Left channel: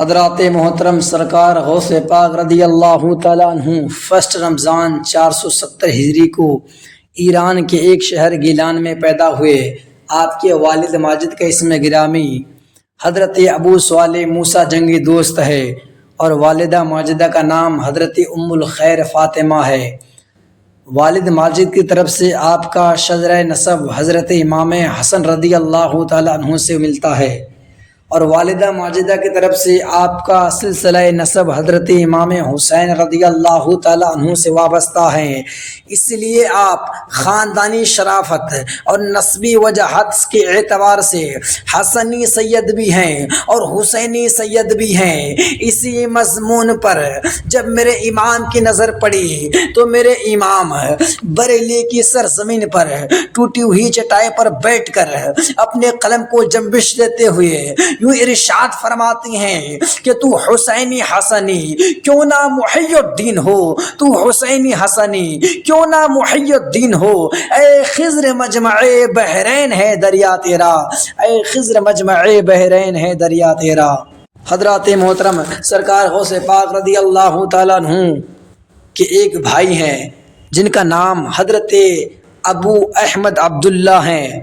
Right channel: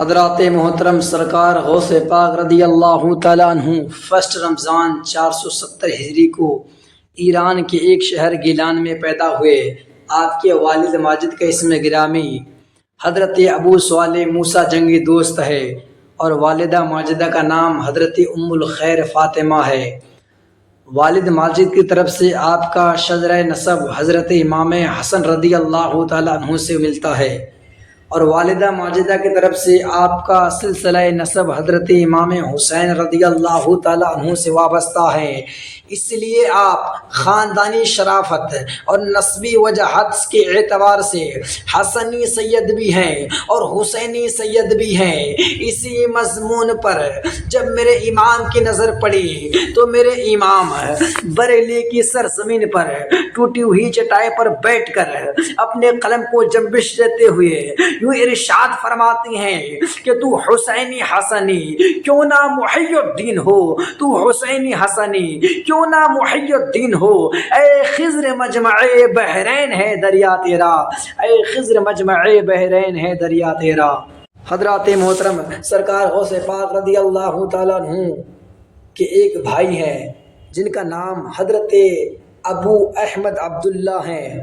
حضرات محترم سرکار غوث پاک رضی اللہ تعالیٰ عنہ فرسٹ رمضان 470 ہجری کو ایران کے ایک شہر گیلان میں پیدا ہوئے۔ آپ کے والد ماجد کا اسم گرامی حضرت ابو صالح موسیٰ جنگی دوست ہے اور والدہ ماجدہ کا نام حضرت ام الخیر فاطمہ ہے۔ والد ماجد کی طرف سے آپ کا شجرہ نسب حضرت امام حسن رضی اللہ تعالیٰ عنہ سے ملتا ہے اور والدہ ماجدہ کی طرف سے آپ کا سلسلہ نسب حضرت امام حسین رضی اللہ تعالیٰ عنہ سے وابستہ ہے۔ اس لیے آپ خاندانی شرافت اور نسبی وجاہت کے اعتبار سے حسنی سید بھی ہیں اور حسینی سید بھی ہیں۔ اسی مضمون پر جب میرے امام کی نظر پڑی تو میرے امام بریلی کی سرزمین پر ٹوٹی ہوئی چٹائی پر بیٹھ کر اپنے قلم کو جنبش دیتے ہوئے یوں ارشاد فرماتی ہیں کہ تو حسینی حسنی کیوں نہ محی الدین ہو، تو حسینی حسنی کیوں نہ محی الدین ہو، اے خضر مجمع بحرین ہے دریا تیرا، اے خضر مجمع بحرین ہے دریا تیرا۔ حضرات محترم سرکار غوث پاک رضی اللہ تعالیٰ عنہ کے ایک بھائی ہیں جن کا نام حضرت ابو احمد عبداللہ ہیں۔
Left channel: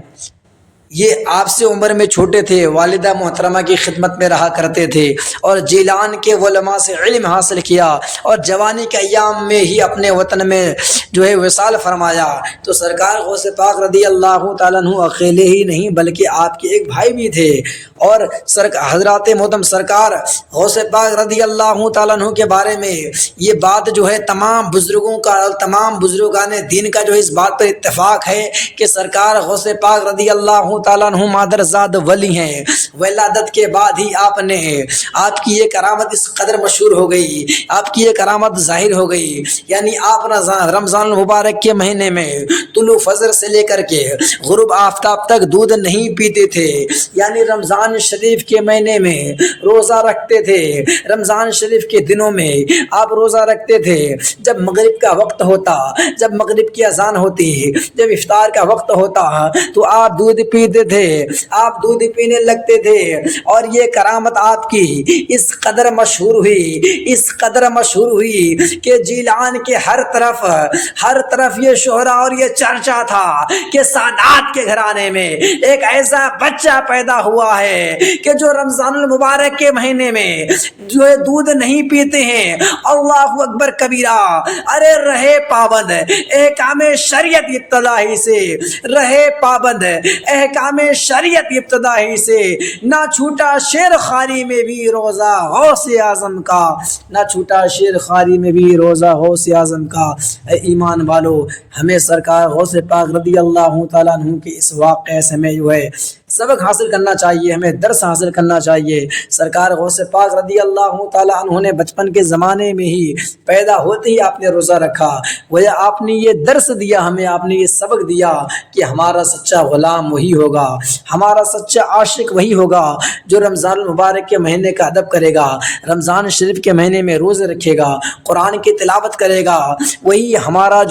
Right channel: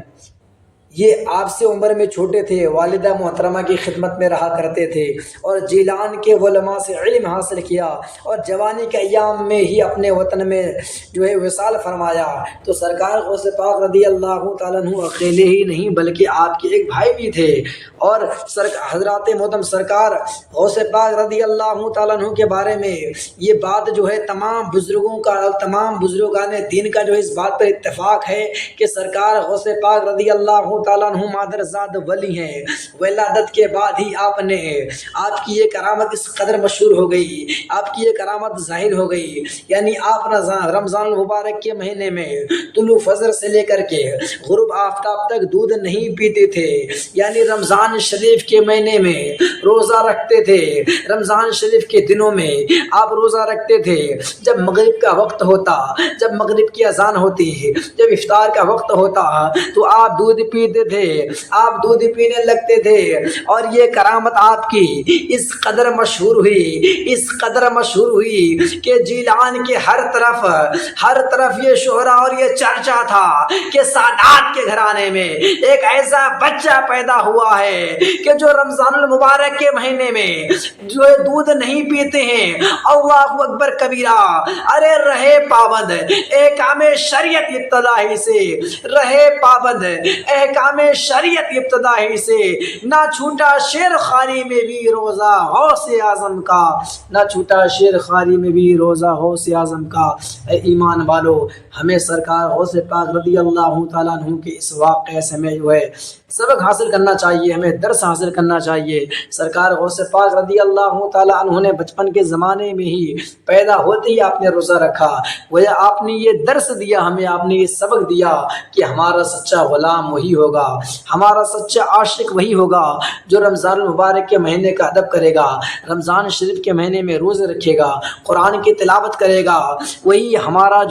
یہ آپ سے عمر میں چھوٹے تھے، والدہ محترمہ کی خدمت میں رہا کرتے تھے اور جیلان کے علماء سے علم حاصل کیا اور جوانی کے ایام میں ہی اپنے وطن میں وصال فرمایا۔ تو سرکار غوث پاک رضی اللہ تعالیٰ عنہ اکیلے ہی نہیں بلکہ آپ کے ایک بھائی بھی تھے اور حضرات محترم سرکار غوث پاک رضی اللہ تعالیٰ عنہ کے بارے میں یہ بات تمام بزرگوں کا، تمام بزرگان دین کا اس بات پر اتفاق ہے کہ سرکار غوث پاک رضی اللہ تعالیٰ عنہ مادرزاد ولی ہیں۔ ولادت کے بعد ہی آپ کی یہ کرامت اس قدر مشہور ہو گئی، آپ کی یہ کرامت ظاہر ہو گئی، یعنی آپ رمضان المبارک کے مہینے میں طلوع فجر سے لے کر کے غروب آفتاب تک دودھ نہیں پیتے تھے، یعنی رمضان شریف کے مہینے میں روزہ رکھتے تھے۔ رمضان شریف کے دنوں میں آپ روزہ رکھتے تھے۔ جب مغرب کا وقت ہوتا، جب مغرب کی اذان ہوتی، جب افطار کا وقت ہوتا تو آپ دودھ پیتے تھے، آپ دودھ پینے لگتے تھے اور یہ کرامت آپ کی اس قدر مشہور ہوئی، اس قدر مشہور ہوئی کہ جیلان کے ہر طرف یہ شہرہ اور یہ چرچا تھا کہ سادات کے گھرانے میں ایک ایسا بچہ پیدا ہوا ہے کہ جو رمضان المبارک کے مہینے میں دودھ نہیں پیتے ہیں۔ اللہ اکبر کبیرہ، ارے رہے پابند احکام شریعت ابتدائی سے، رہے پابند احکام شریعت ابتدائی سے، نہ چھوٹا شیر خاری میں بھی روزہ غوث اعظم کا، نہ چھوٹا شیر خاری میں بھی روزہ غوث اعظم کا۔ اے ایمان والو، ہمیں سرکار غوث پاک رضی اللہ تعالیٰ عنہ کے اس واقعے سے ہمیں سبق حاصل کرنا چاہیے، ہمیں درس حاصل کرنا چاہیے۔ سرکار غوث پاک رضی اللہ تعالیٰ عنہ نے بچپن کے زمانے میں ہی پیدا ہوتے ہی آپ نے روزہ رکھا، گویا آپ نے یہ درس دیا ہمیں، آپ نے یہ سبق دیا کہ ہمارا سچا غلام وہی ہوگا، ہمارا سچا عاشق وہی ہوگا جو رمضان المبارک کے مہینے کا ادب کرے گا، رمضان شریف کے مہینے میں روزے رکھے گا، قرآن کی تلاوت کرے گا، وہی ہمارا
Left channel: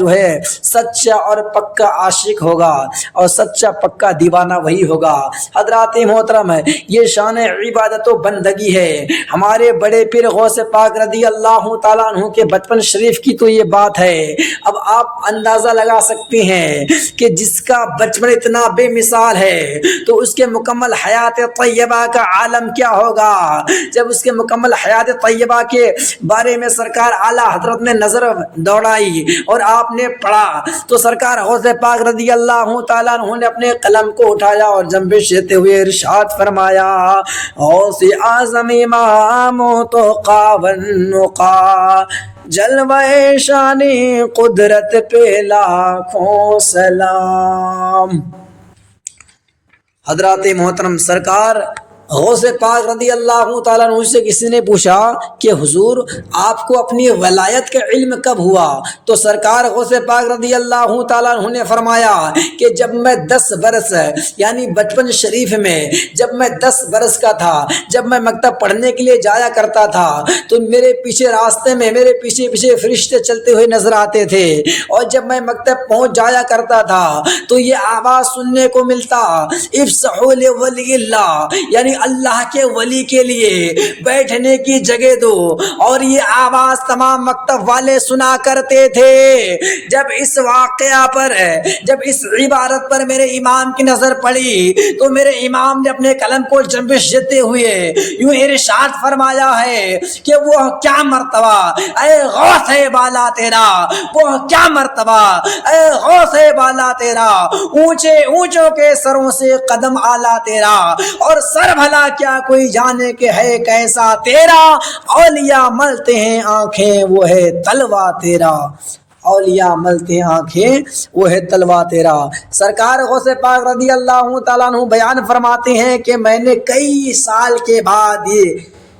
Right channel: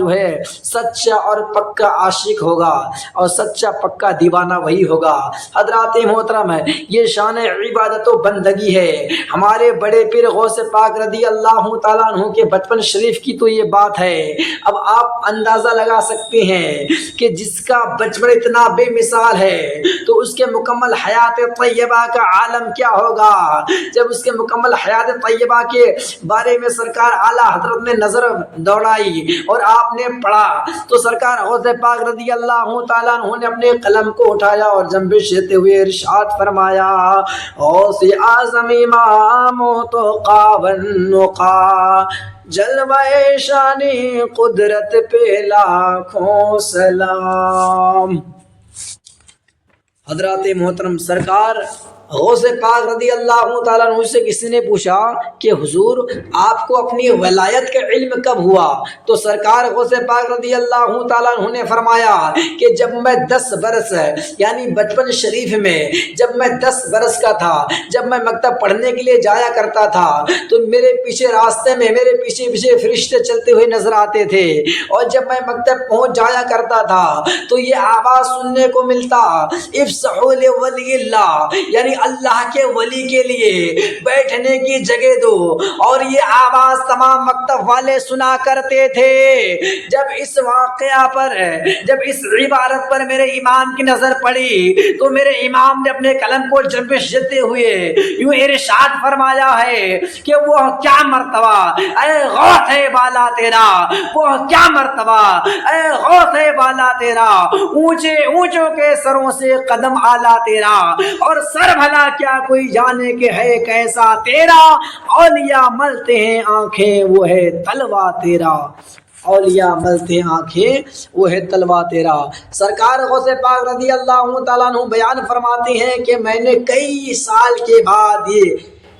سچا اور پکا عاشق ہوگا اور سچا پکا دیوانہ وہی ہوگا۔ حضرات محترم، یہ شان عبادت و بندگی ہے ہمارے بڑے پیر غوث پاک رضی اللہ تعالیٰ عنہ کے بچپن شریف کی، تو یہ بات ہے۔ اب آپ اندازہ لگا سکتے ہیں کہ جس کا بچپن اتنا بے مثال ہے تو اس کے مکمل حیات طیبہ کا عالم کیا ہوگا۔ جب اس کے مکمل حیات طیبہ کے بارے میں سرکار اعلیٰ حضرت نے نظر دوڑائی اور آپ نے پڑھا تو سرکار غوث پاک رضی اللہ تعالیٰ عنہ نے اپنے قلم کو اٹھایا اور جنبش دیتے ہوئے ارشاد فرمایا، غوث اعظم امام تو قاونقا جلوہ شانی قدرت پہ لاکھوں سلام۔ حضرات محترم سرکار غوث پاک رضی اللہ تعالیٰ عنہ سے کسی نے پوچھا کہ حضور آپ کو اپنی ولایت کا علم کب ہوا؟ تو سرکار غوث پاک رضی اللہ تعالیٰ عنہ نے فرمایا کہ جب میں 10 برس یعنی بچپن شریف میں جب میں 10 برس کا تھا، جب میں مکتب پڑھنے کے لیے جایا کرتا تھا تو میرے پیچھے راستے میں میرے پیچھے فرشتے چلتے ہوئے نظر آتے تھے اور جب میں مکتب پہنچ جایا کرتا تھا تو یہ آواز سننے کو ملتا، افسحوا لولی اللہ، یعنی اللہ کے ولی کے لیے بیٹھنے کی جگہ دو۔ اور یہ آواز تمام مکتب والے سنا کرتے تھے۔ جب اس واقعہ پر، جب اس عبارت پر میرے امام کی نظر پڑی تو میرے امام نے اپنے قلم کو جنبش دیتے ہوئے یوں ارشاد فرمایا ہے کہ وہ کیا مرتبہ اے غوث بالا تیرا، وہ کیا مرتبہ اے غوث بالا تیرا، اونچے اونچوں کے سروں سے قدم آلہ تیرا، اور سر بھلا کیا کوئی جانے کہ ہے کیسا تیرا، اولیاء ملتے ہیں آنکھیں وہ ہے تلوا تیرا، اولیاء ملتے ہیں آنکھیں وہ ہے تلوا تیرا۔ سرکار غوث پاک رضی اللہ تعالیٰ عنہ بیان فرماتے ہیں کہ میں نے کئی سال کے بعد، یہ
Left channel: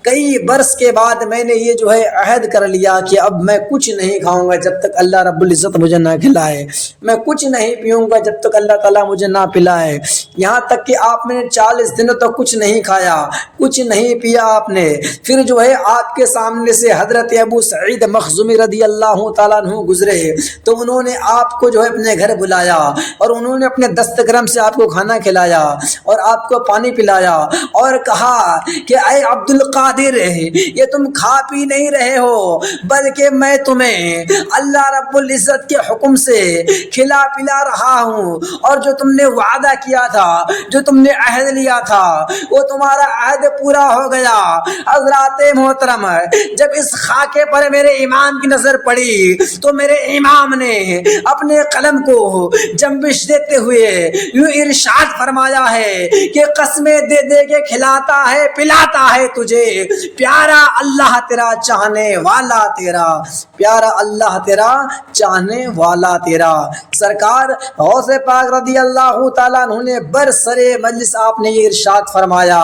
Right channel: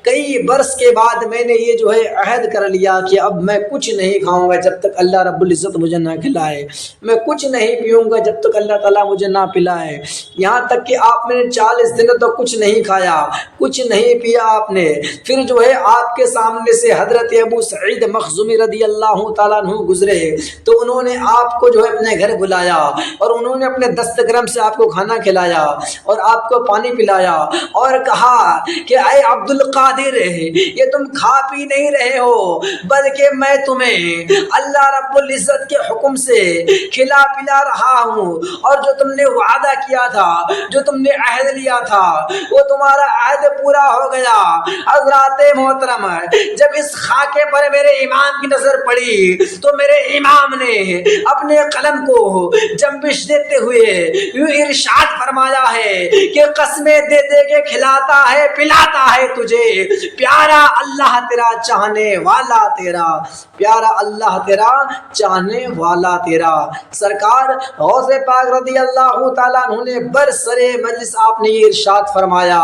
کئی برس کے بعد میں نے یہ جو ہے عہد کر لیا کہ اب میں کچھ نہیں کھاؤں گا جب تک اللہ رب العزت مجھے نہ کھلائے، میں کچھ نہیں پیوں گا جب تک اللہ تعالیٰ مجھے نہ پلائے۔ یہاں تک کہ آپ نے 40 دنوں تک کچھ نہیں کھایا، کچھ نہیں پیا آپ نے۔ پھر جو ہے آپ کے سامنے سے حضرت ابو سعید مخزومی رضی اللہ تعالیٰ عنہ گزرے تو انہوں نے آپ کو جو ہے اپنے گھر بلایا اور انہوں نے اپنے دست گرم سے آپ کو کھانا کھلایا اور آپ کو پانی پلایا اور کہا کہ اے عبد القادر، یہ تم کھا پی نہیں رہے ہو بلکہ میں تمہیں اللہ رب العزت کے حکم سے کھلا پلا رہا ہوں، اور جو تم نے وعدہ کیا تھا، جو تم نے عہد لیا تھا، وہ تمہارا عہد پورا ہو گیا۔ حضرات محترم، جب اس خاکے پر میرے امام کی نظر پڑی تو میرے امام نے اپنے قلم کو جنبش دیتے ہوئے یوں ارشاد فرمایا ہے کہ قسمیں دے دے کے کھلاتا ہے پلاتا ہے تجھے پیارا اللہ تیرا چاہنے والا تیرا، پیارا اللہ تیرا چاہنے والا تیرا۔ سرکار غوث پاک رضی اللہ تعالیٰ عنہ نے برسر مجلس آپ نے یہ ارشاد فرمایا،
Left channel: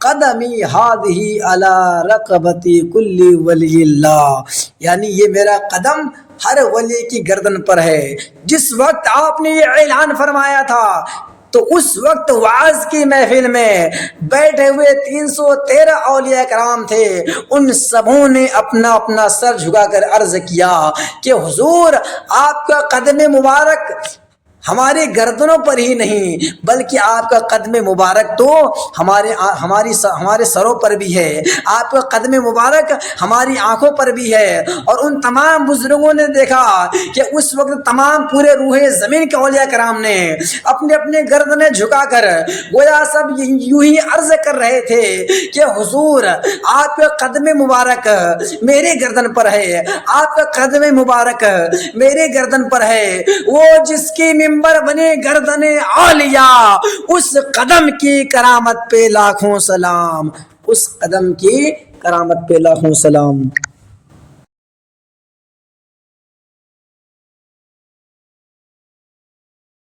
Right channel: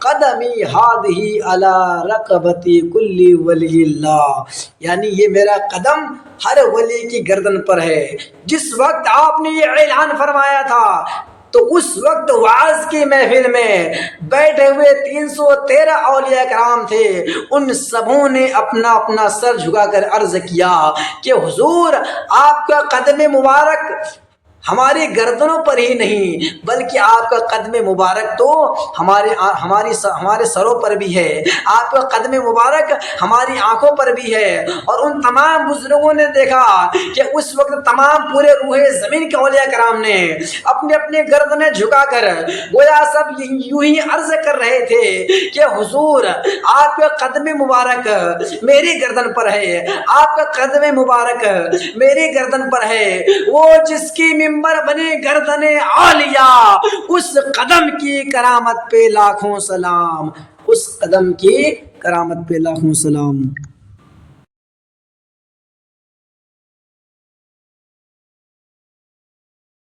قدمی ہادہی علی رقبتی کل ولی اللہ، یعنی یہ میرا قدم ہر ولی کی گردن پر ہے۔ جس وقت آپ نے یہ اعلان فرمایا تھا تو اس وقت وعظ کی محفل میں بیٹھے ہوئے 313 اولیاء کرام تھے، ان سبوں نے اپنا اپنا سر جھکا کر عرض کیا کہ حضور آپ کا قدم مبارک ہماری گردنوں پر ہی نہیں بلکہ آپ کا قدم مبارک تو ہمارے سروں پر بھی ہے، آپ کا قدم مبارک ہماری آنکھوں پر بھی ہے۔ اور ان تمام بزرگوں نے دیکھا کہ اس وقت تمام پورے روح زمین کے اولیاء کرام نے اپنے اپنے گردنیں جھکا کر گویا سب یوں ہی عرض کر رہے تھے کہ حضور آپ کا قدم مبارک میری گردن پر ہے، آپ کا قدم مبارک میری گردن پر ہے، وہ جس کی منبر بنے گردن اولیاء، اس قدم کی کرامت پہ لاکھوں سلام، اس قدم کی کرامت پہ لاکھوں سلام۔